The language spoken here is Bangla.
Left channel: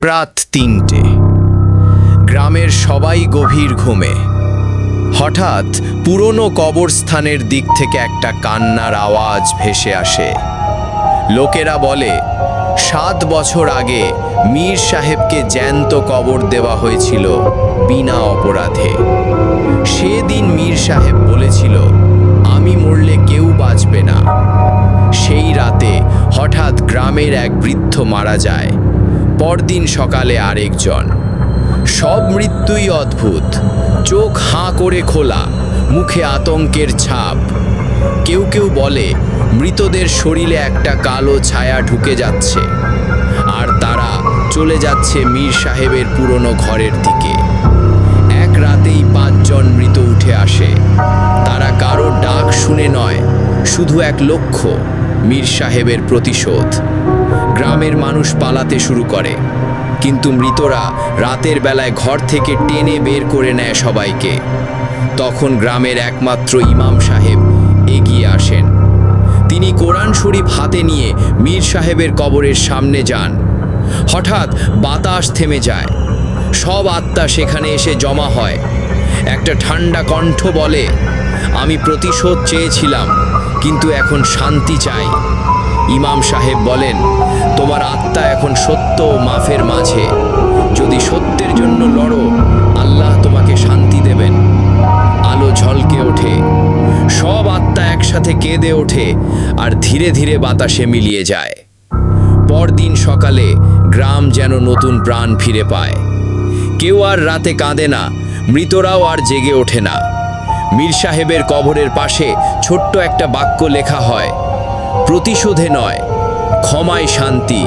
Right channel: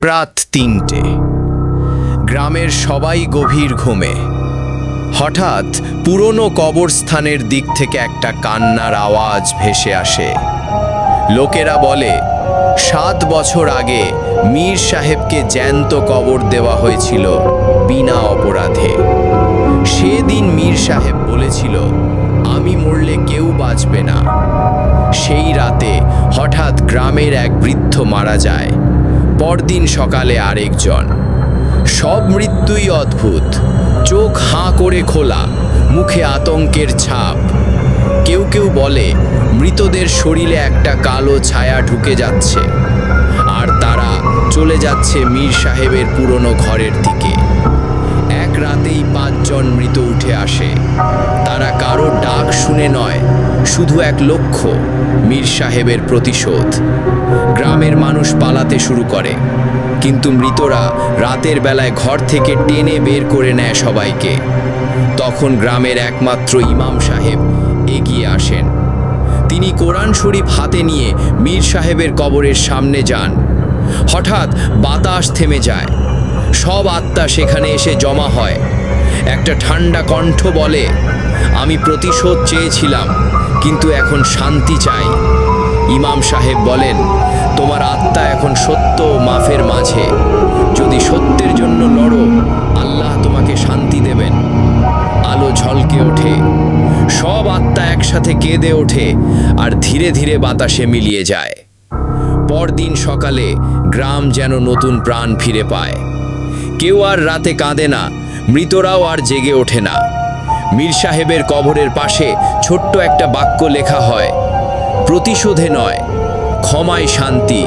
প্রাত তিনটে। গ্রামের সবাই গভীর ঘুমে। হঠাৎ পুরনো কবরস্থানের দিক থেকে একটা কান্নার আওয়াজ ভেসে আসে। লোকেরা বলে, সাত বছর আগে মীর সাহেবকে জ্যান্ত কবর দেওয়া হয়েছিল বিনা অপরাধে। সেদিন মীর সাহেব বলেছিল, আমি মরলে কেউ বাঁচবে না। সেই রাতে হঠাৎ গ্রামের এক বৃদ্ধ মারা যায়। পরদিন সকালে আরেকজন। সব মৃত্যুই অদ্ভুত। চোখ হাঁ করে খোলা, মুখে আতঙ্কের ছাপ। কেউ কেউ বলে, মৃতদের শরীরে একটা কালো ছায়া ঢুকে যাচ্ছে। আর তারা চলে যাচ্ছে মীর সাহেবের পুরনো ঘরের দিকে। এক রাতেই পাঁচজন মৃত উঠে আসে। তারা কারও ডাক শুনে নয়, শুধু এক লক্ষ্য, মীর সাহেবের প্রতিশোধ। গ্রামের মানুষ পালাতে শুরু করে। কিন্তু মৃতরা রাতের বেলায় ঘর থেকে টেনে বের করে নেয় সবাইকে। তখন গ্রামের একমাত্র ইমাম সাহেব এগিয়ে আসেন। তিনি কোরআন শরীফ হাতে নিয়ে মীর সাহেবের কবরের সামনে যান। হঠাৎ বাতাস থেমে যায়। সব আত্মা সেখানে এসে জমা হয়। একটা ঠান্ডা কণ্ঠ বলে, আমি প্রতিশোধ চেয়েছিলাম, কিন্তু এখন শান্তি চাই। ইমাম সাহেব বলেন, তোমার আত্মা এখন সত্য ও মাফের মাঝে। যদি সত্যের জন্য লড়ো, আল্লাহ তোমাকে শান্তি দেবেন। আলো ঝলকে ওঠে। সব আত্মা একসাথে কেঁদে ওঠে আর ধীরে ধীরে বাতাসে মিলিয়ে যায়। পরদিন সকালে গ্রাম যেন নতুন প্রাণ ফিরে পায়। কেউ আর রাতে কাঁদে না, মৃতরাও আর জেগে ওঠে না। মীর সাহেবের কবরের পাশে ছোট্ট একটা বাক্য লেখা হয় প্রতিশোধে নয় ক্ষমায় শান্তি।